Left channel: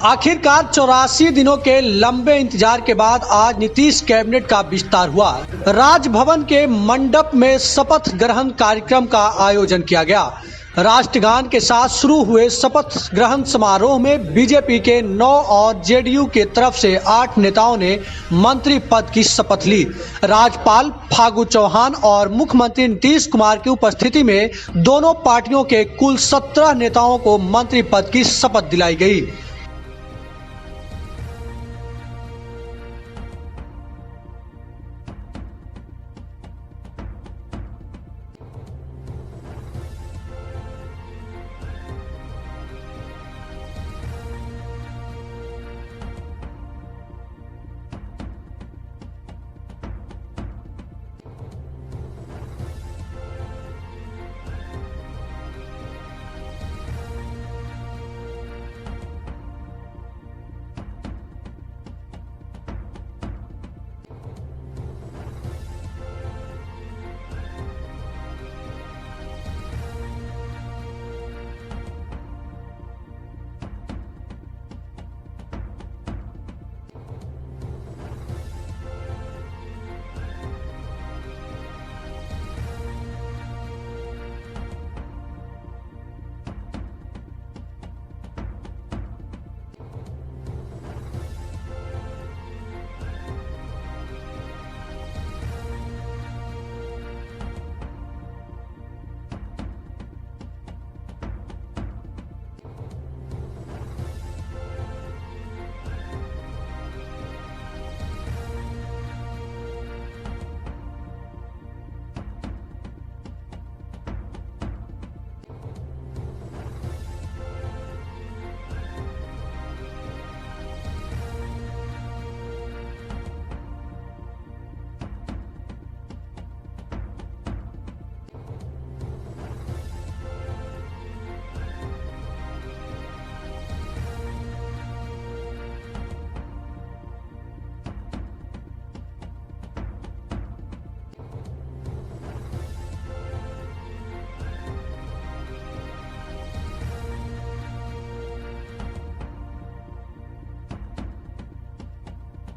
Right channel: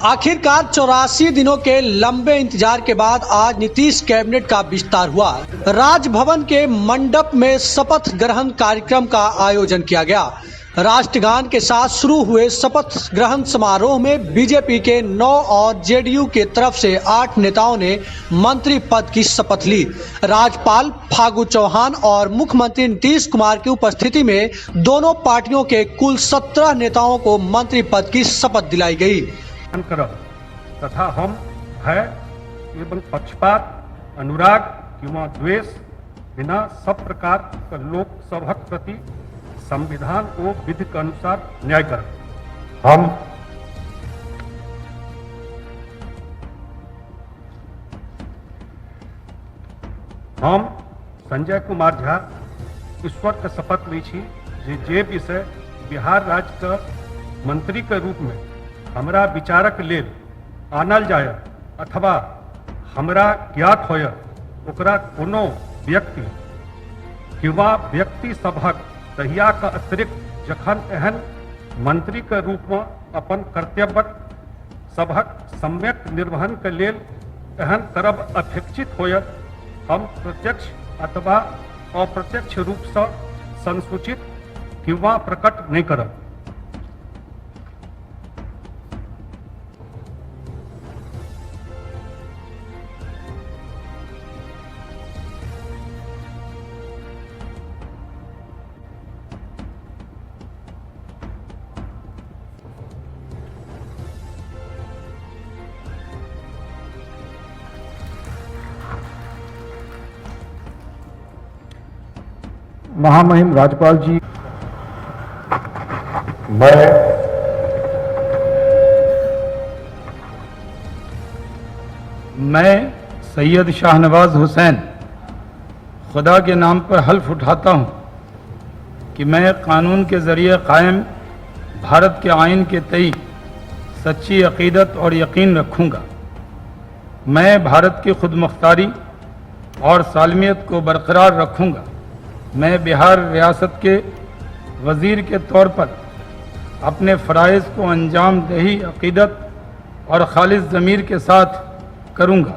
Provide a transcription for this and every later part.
आखिरकार 84 दिनों के लंबे इंतजार के बाद आज नीतीश कैबिनेट का विस्तार हुआ। राजभवन के मंडप में शपथ ग्रहण कार्यक्रम का आयोजन किया गया। राष्ट्रगान के साथ शुरू हुए शपथ ग्रहण समारोह में बीजेपी के 9 और जेडीयू के तरफ से 8 नेताओं ने मंत्री पद की शपथ ली। राज्यपाल फागू चौहान और मुख्यमंत्री नीतीश कुमार की उपस्थिति में दोनों पार्टियों के कुल 17 नेताओं को मंत्री पद की शपथ दिलाई गई। तथा हम भय एवं पक्षपात, अनुराग किंवा द्वेष बिना सब प्रकार का लोक सभक प्रति संविधान को विधि के अनुसार न्याय कर हम संजय कुमार झा ईश्वर के शपथ ली जे विषय बिहार राज्य का मंत्री के रूप में हमरा विचारक लेल आनल जाय अथवा हमरा ज्ञात होय ओकरा कोनो व्यक्ति किंवा व्यक्ति सभक तहिया का अतिरिक्त जखन एहन मंत्री के रूप में अपन कर्तव्य सभक सम्यक निर्वहन के लेल एहन करब अपेक्षित होय हम प्रत्यक्ष अथवा अप्रत्यक्ष रूप से संसूचित किंवा प्रकट नहीं करब। महामहिम राज्यपाल जी, मैं सैयद शाहनवाज हुसैन खुदा के नाम पर हल्फ उठाता हूँ कि मैं कानून के ज़रिए कायम भारत के आइन के तई सच्ची अक़ीदत और यकीन रखूँगा। मैं भारत की खुदमुख्तारी और सालमियत को बरकरार रखूँगा। मैं बिहार रियासत के वज़ीर के तौर पर अपने फ़राइज़ को अंजाम दही अक़ीदत और खालिस ज़मीर के साथ करूँगा।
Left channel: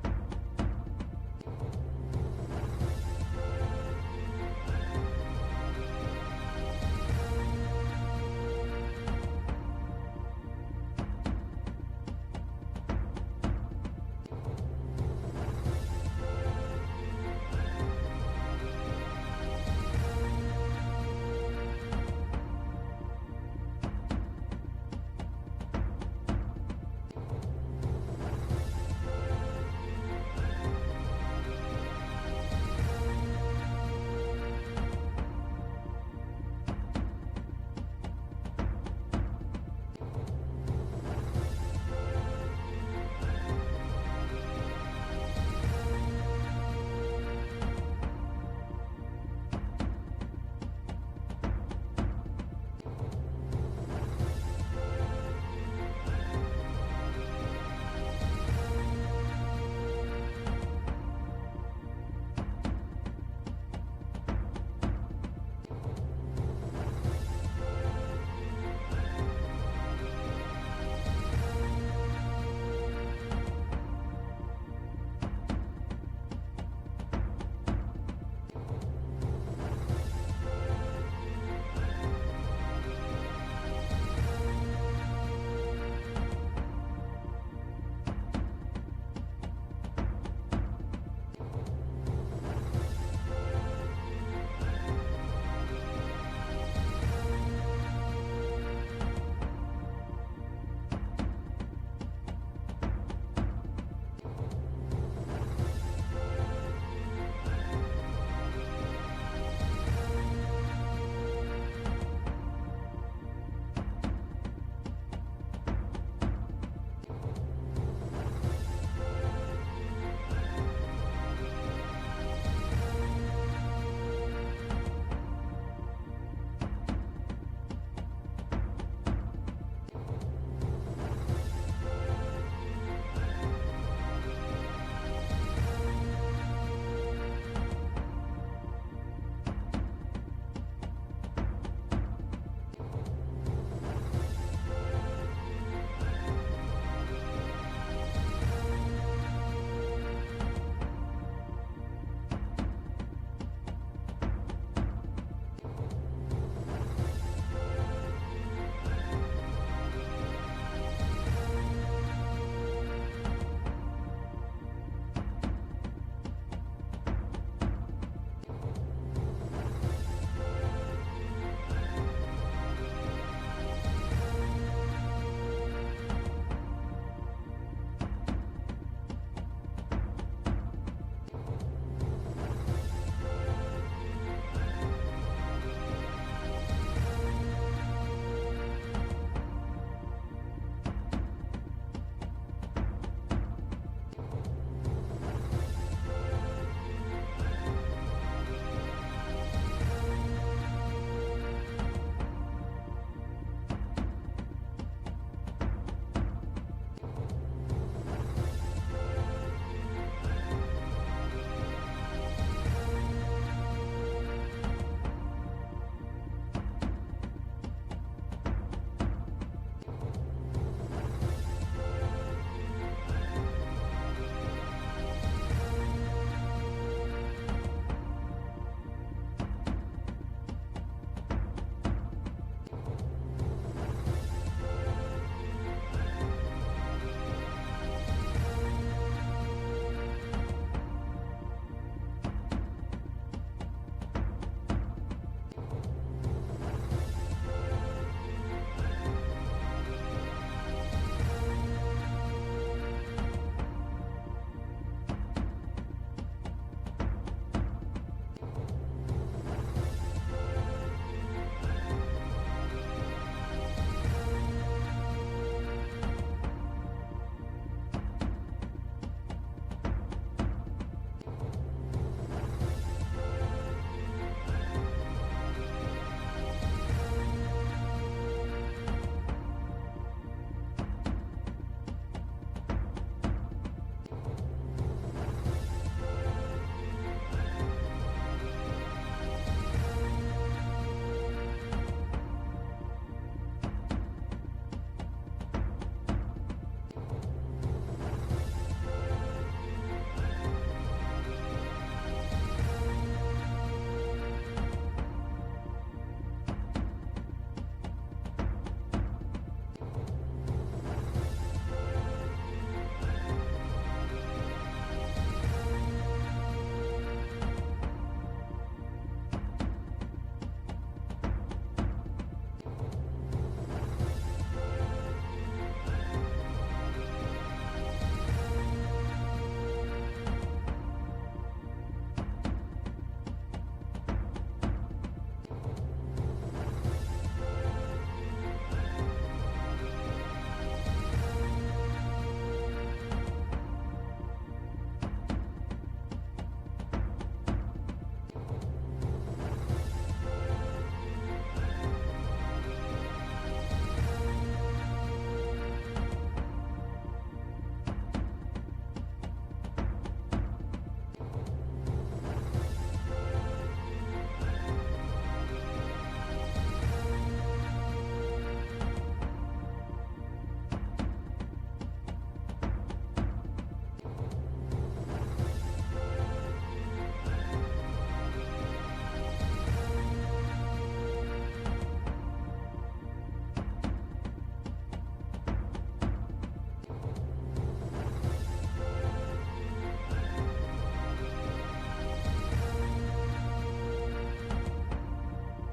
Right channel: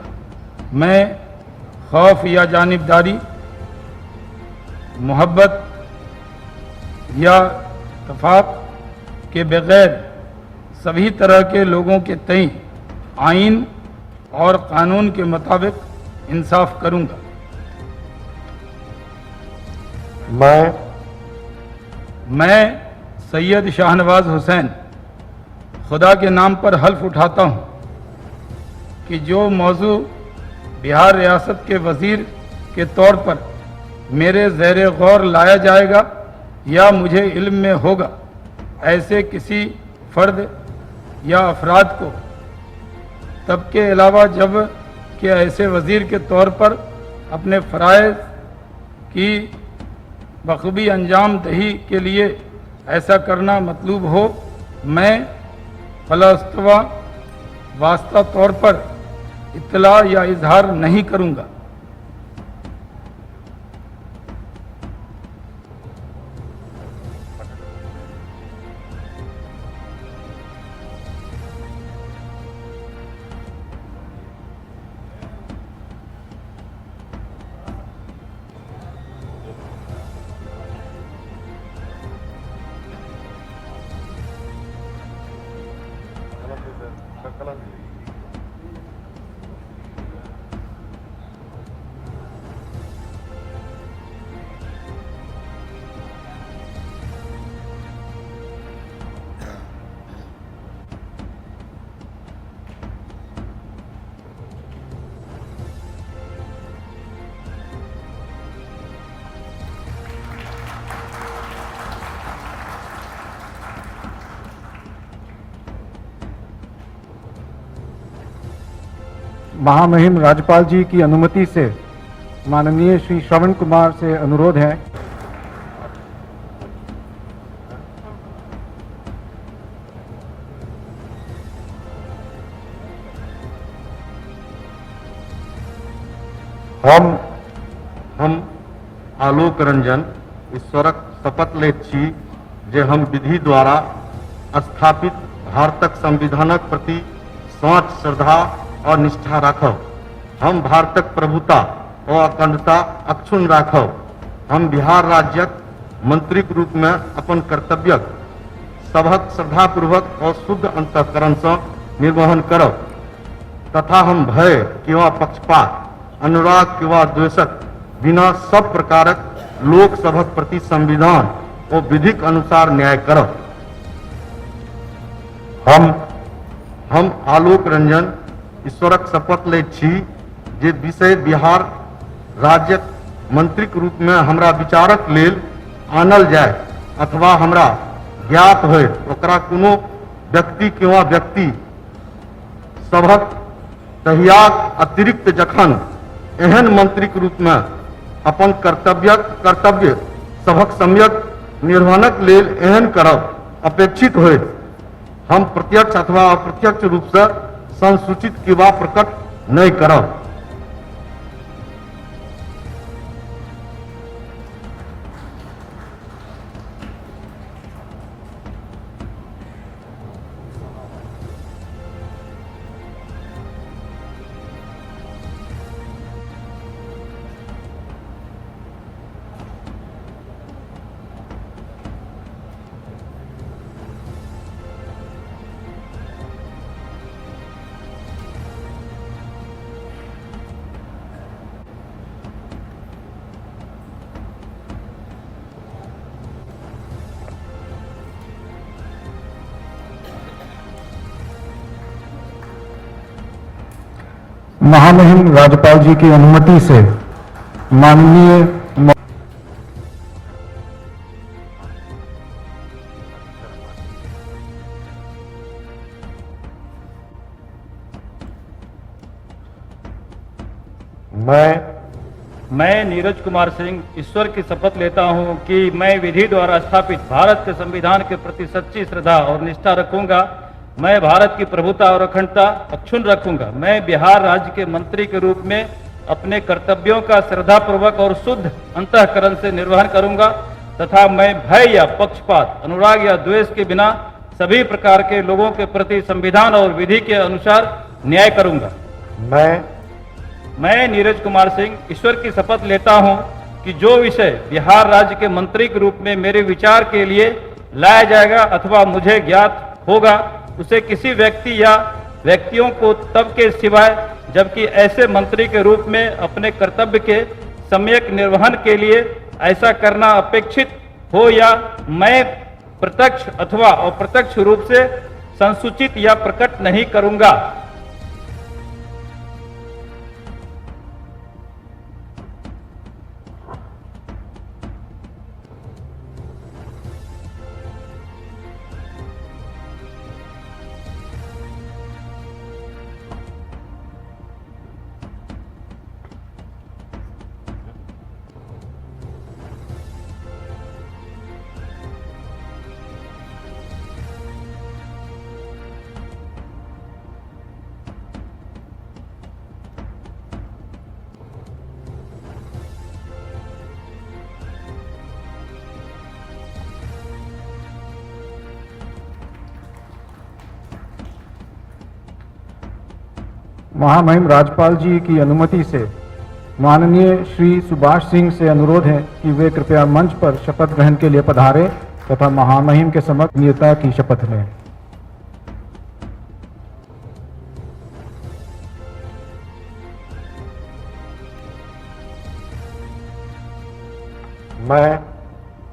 मैं खौफ या जानिबदारी, मोहब्बत या तफाक के बग़ैर सभी तरह के लोगों के तई आइन और कानून के मुताबिक इंसाफ करूँगा। मैं सैयद शाहनवाज हुसैन खुदा के नाम पर हल्फ उठाता हूँ कि जो मौजू बिहार रियासत के वज़ीर के तौर पर मेरे ज़ेरे गौर लाया जाएगा या मुझे इल्म में होगा, ऐसे किसी फ़र्द या अफराद को तब के अलावा जब कि ऐसे वज़ीर के तौर पर अपने फ़राइज़ की बखूबी अंजाम दही के लिए ऐसा करना मतलूब हो, मैं फलस्तवा वास्ता तौर पर इत्तला या इजहार नहीं करूँगा। महामहिम राज्यपाल जी की अनुमति से माननीय श्री श्रवण कुमार से अनुरोध है हम आलोक रंजन ईश्वरक शपथ लैत छी जे हम विधि द्वारा स्थापित भारतक संविधानक प्रति सच श्रद्धा और निष्ठा राखब। हम भारतक प्रभुता और अखंडता अक्षुण्ण राखब। हम बिहार राज्यक मंत्री के रूप में अपन कर्तव्य सबक श्रद्धापूर्वक और शुद्ध अंतःकरण से निर्वहन करब तथा हम भय किंवा पक्षपात, अनुराग किंवा द्वेषक बिना सब प्रकारक लोक सभक प्रति संविधान और विधिक अनुसार न्याय करब। हम आलोक रंजन ईश्वरक शपथ ले छी जे विषय बिहार राज्यक मंत्री के रूप में हमरा विचारक लेल आनल जाय अथवा हमरा ज्ञात होय ओकरा कोनो व्यक्ति किंवा व्यक्ति सभक तहियाक अतिरिक्त जखन एहन मंत्री के रूप में अपन कर्तव्य सभक सम्यक निर्वहनक लेल एहन करब अपेक्षित होय हम प्रत्यक्ष अथवा अप्रत्यक्ष रूप से संसूचित किंवा प्रकट नहीं करब। महामहिम राज्यपाल जी की अनुमति से माननीय मैं नीरज कुमार सिंह ईश्वर की शपथ लेता हूं कि मैं विधि द्वारा स्थापित भारत के संविधान के प्रति सच्ची श्रद्धा और निष्ठा रखूंगा। मैं भारत की प्रभुता और अखंडता अक्षुण्ण रखूंगा। मैं बिहार राज्य के मंत्री के रूप में अपने कर्तव्यों का श्रद्धापूर्वक और शुद्ध अंतःकरण से निर्वहन करूंगा तथा मैं भय या पक्षपात, अनुराग या द्वेष के बिना सभी प्रकार के लोगों के प्रति संविधान और विधि के अनुसार न्याय करूंगा। मैं नीरज कुमार सिंह ईश्वर की शपथ लेता हूं कि जो विषय बिहार राज्य के मंत्री के रूप में मेरे विचार के लिए लाया जाएगा अथवा मुझे ज्ञात होगा उसे किसी व्यक्ति या व्यक्तियों को तब के सिवाय जबकि ऐसे मंत्री के रूप में अपने कर्तव्य के सम्यक निर्वहन के लिए ऐसा करना अपेक्षित हो या मैं प्रत्यक्ष अथवा अप्रत्यक्ष रूप से संसूचित या प्रकट नहीं करूंगा। महामहिम राज्यपाल जी की अनुमति से माननीय श्री सुभाष सिंह से अनुरोध है कि वे कृपया मंच पर शपथ ग्रहण के लिए पधारें तथा महामहिम के समक्ष गोपनीयता की शपथ लें।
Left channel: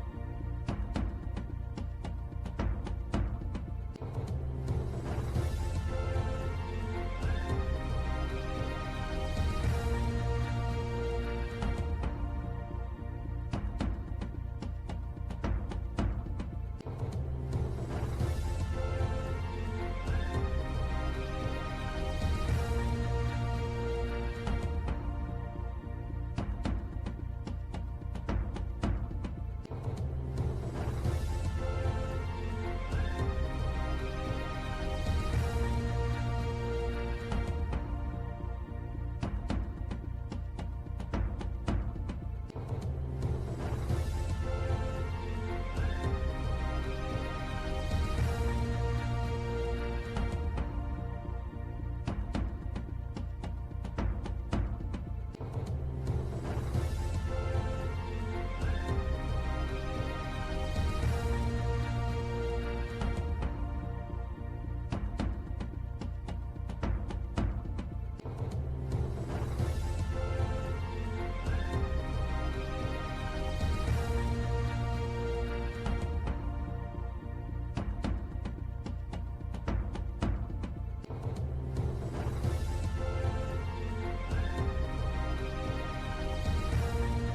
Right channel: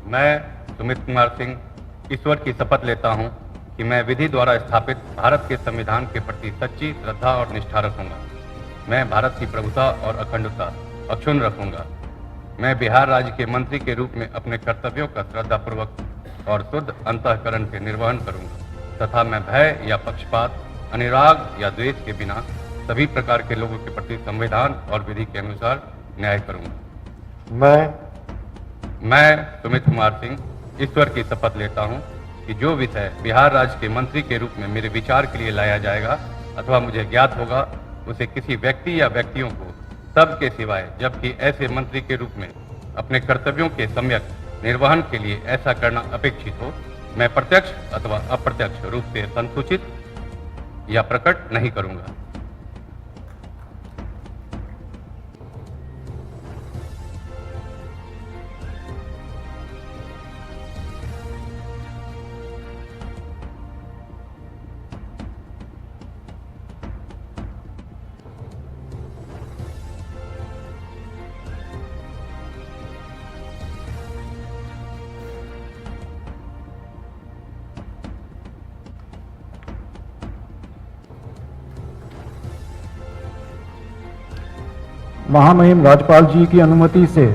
मैं सुमित कुमार सिंह ईश्वर की शपथ लेता हूं कि मैं विधि द्वारा स्थापित भारत के संविधान के प्रति सच्ची श्रद्धा और निष्ठा रखूंगा। मैं भारत की प्रभुता और अखंडता अक्षुण्ण रखूंगा। मैं बिहार राज्य के मंत्री के रूप में अपने कर्तव्यों का श्रद्धापूर्वक और शुद्ध अंतःकरण के निर्वहन करूंगा तथा मैं भय या पक्षपात, अनुराग या द्वेष के बिना सभी प्रकार के लोगों के प्रति संविधान और विधि के अनुसार न्याय करूंगा। मैं सुमित कुमार सिंह ईश्वर की शपथ लेता हूं कि जो विषय बिहार राज्य के मंत्री के रूप में मेरे विचार के लिए लाया जाएगा अथवा मुझे ज्ञात होगा उसे किसी व्यक्ति या व्यक्तियों को तब के सिवाय जबकि ऐसे मंत्री के रूप में अपने कर्तव्यों के सम्यक निर्वहन के लिए ऐसा करना अपेक्षित हो मैं प्रत्यक्ष अथवा अप्रत्यक्ष रूप से संसूचित या प्रकट नहीं करूंगा। महामहिम राज्यपाल जी की अनुमति से